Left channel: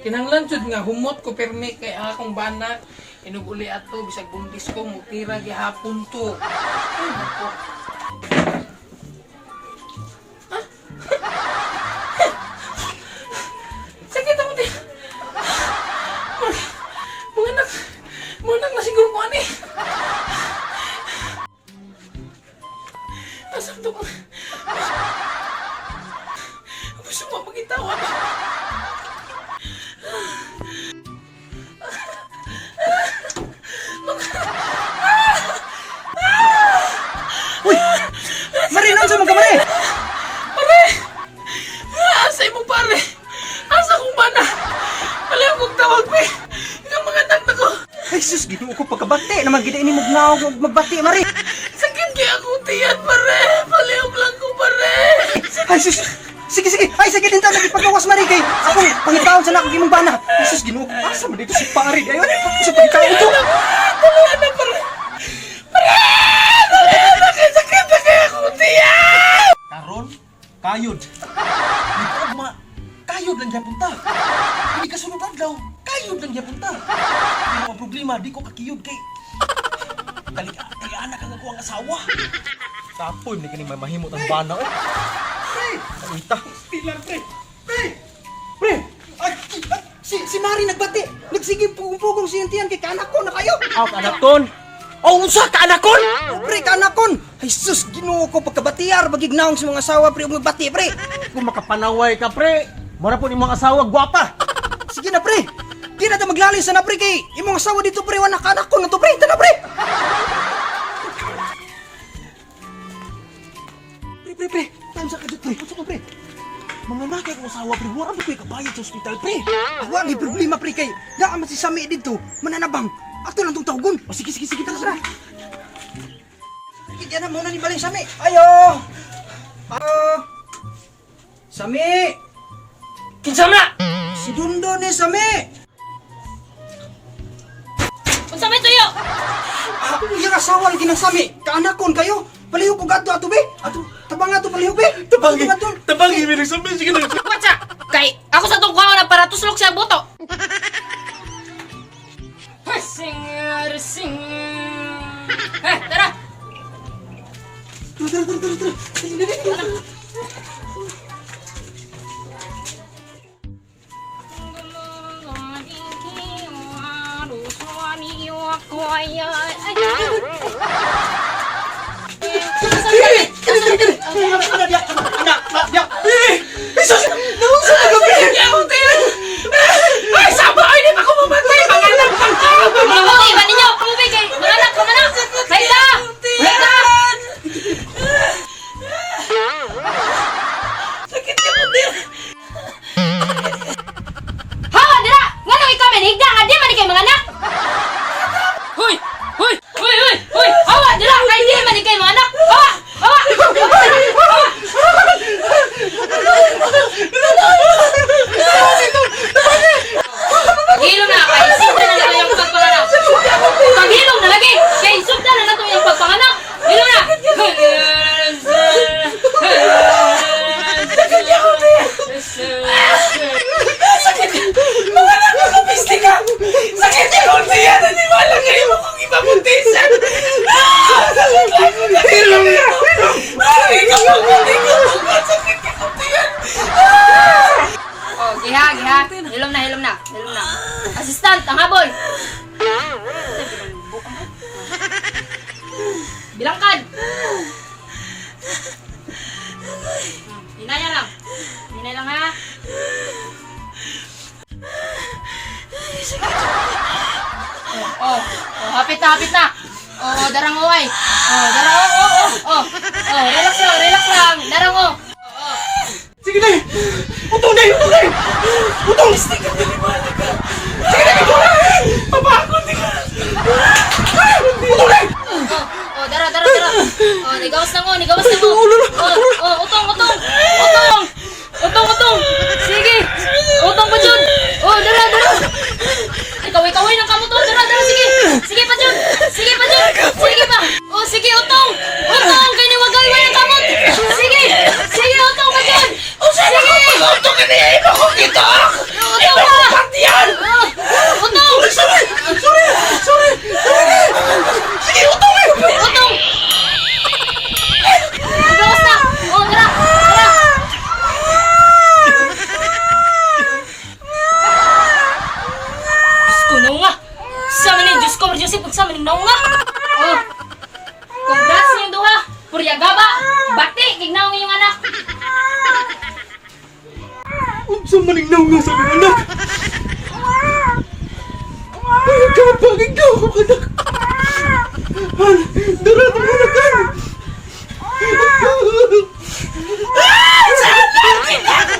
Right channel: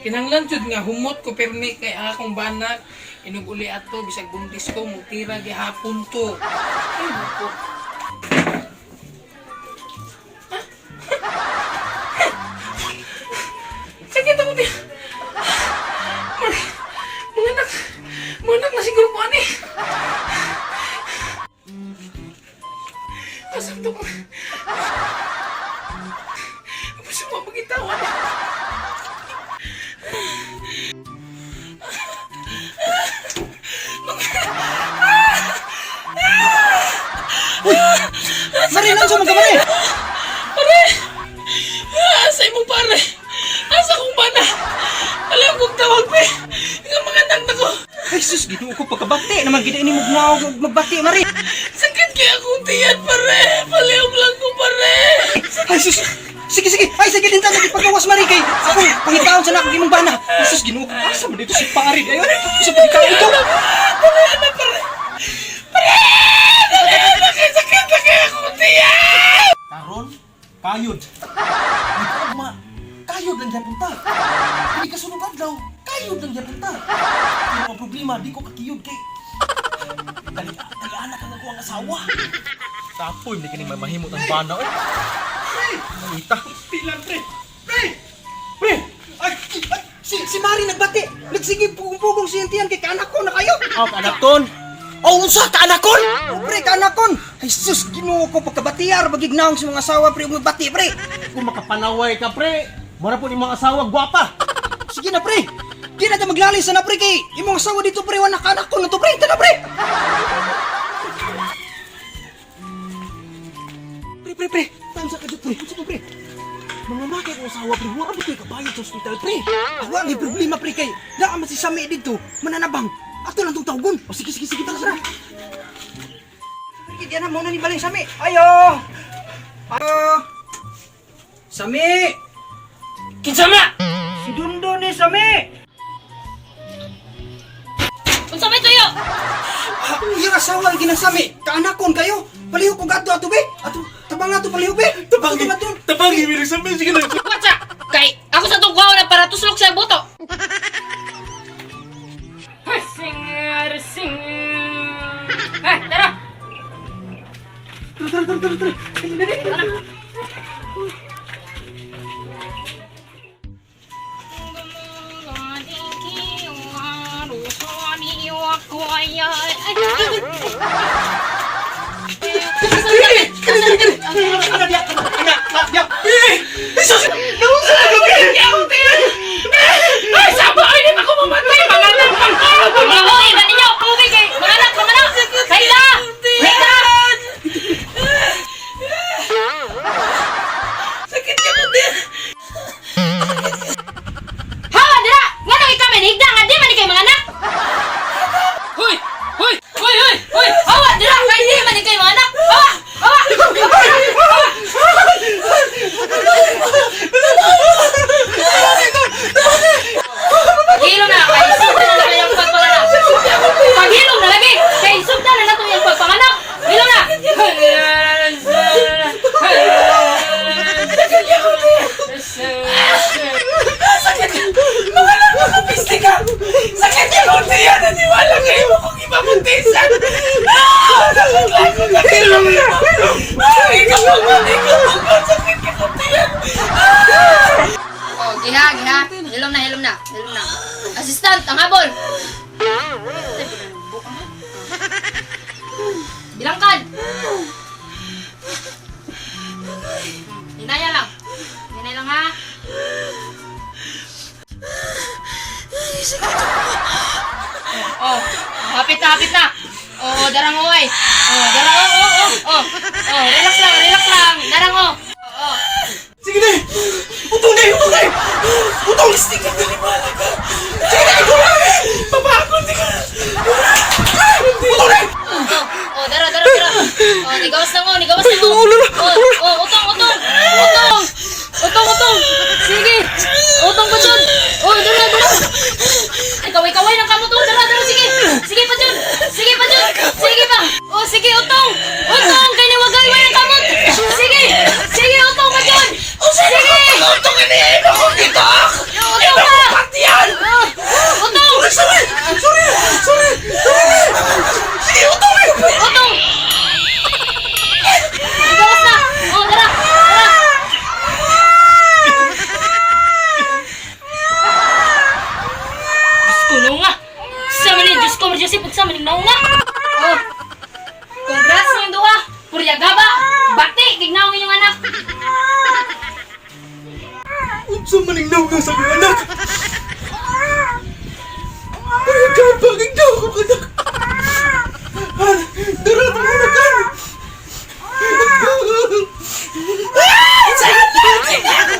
kinahanglan jud nga humot ko permi kay akong bana inuguli ato bisag buntis ko mutira gihapon to. Ay nako. Sakit ako din. Munak na siguro ko ani. Asam to ko. Gusto mo pagitawan. Uy! Marinon sa mga kamari! Pare! Asa imong pare? Asa kong bana? Alam kong tawag pe! Nga mga anak na ko! Ay sus, ginoo ko pagkabati naman gina ini mugnaw magbati mari. Sakit kaya akong tiyan pare! Palihog lang ko pare! Ay sus! Sige! Ay sige din ta nagipagawas mari kay ako pangitaon sa nakong imong bana. Ay sus, ginoo ko asa man dito si pare ayo sa pagitaon to. Pare na pare! Pare! Sakit na kaya akong tiyan! Karon kayod. Ugma kayod lang gyapon ta. Hindi ka sunod adlaw. Kayod lang gyapon ta. Pero ang problema di ko kakiyod kay anak ang ako ang asawa. Tapoy hindi kini mahimot ang bana oh. Ita. Pilar pre! Pre! Ay, si Mari nagbati. Nagsigib pugong-pugong si Yantian kay kaanak ko na kayo. Aw, kaanak kon. Oh, unsa kaanak kon? Pre, kaanak kon. Ay sus, Ginoo ko pagkabatiyar bagignaong sa mga asawa pre ug bati pre. Kung makapanaway ka, pre, mara po imong asawa, gwapa. Sige na pre. Di na ta maglalay sa na pre kay imong asawa dito pre wala kaanak ko na to pre. Tana pre. Pre. Tansa ka dito pre. Unsa ko pre? Mga nakay ko asawa pre, wala ba ko'y kabayad sa ospital pre? Wala may problema pre kay naa man si Sami dito, mananabang. Ato lang tong tawgon. O sige tara. Sige na muna ni Baling Sami. Ayo. Sami. Kinsa na! Si Dundo ni Sami. Unsa may tuyo? Iyang asawa lagi ng Sami. Kaanakon kayo. Palihog ko gato ato be. Ato tabang ato palihog be. Tabangi mi sa sige na. Watsa! Kay ako sa tong kuha na para tuslok siya buto. Sing. Tara. Tara. Ay, sama ay di ako mamatay mga anak pang Pamuwi ba ninyo? Pamuwi kay mga anak. Hayda! sakit ka mo din. Hawa dira! Ngano ikaw men higda nga di man kay mga anak? Hoy! Hawa dira kay di man kay mga anak. Hawa! Paghilom na kay sugda na nato yung pagpanganak. Paghilom na lagi kay sugda na nato yung pagpanganak. Hilom na. Mga anak ko kapiste ka. Sakit ka mo din. Naniwala kayo mo kung ibabuntisan. Ikaw sakit ka mo din. Oh, giha. Hilom na. Assistant, ang habol. Bilangkan. Hinaya lang ha. Hapit na. Oh, darang oy. Relax lang. Darang o. Sige na. Utong na. Utong stick ka naniwala ka. Sige na ikaw na. Mapakot ka. Utong na. Dara. Nigawas na mo. Utong. Sige. Utong pa dyan. Dara. Ikaway ng kamot. Dara. Sige pa dyan. Sige pa. Sige, utong. Kaya niwagay ng kamot. Sige, utong pa dyan. Sige. utong ini, ino ko kita! Ino ko partiyan! Utong! Sorry! Sige, utong na yun! Utong! Gawas na! Oh, tara! Tara! Diyos ko, naunga! Sa manin, Diyos ko, Diyos ko, sa manin, naunga! Oh! Congrats sa yung duha! Purya gaba! Bati! Gignaw ng inyong anak! Unsa maning naunga sa akong anak? Ay, kapag ikaw ko anak. Dara mo na kan. Sana kita!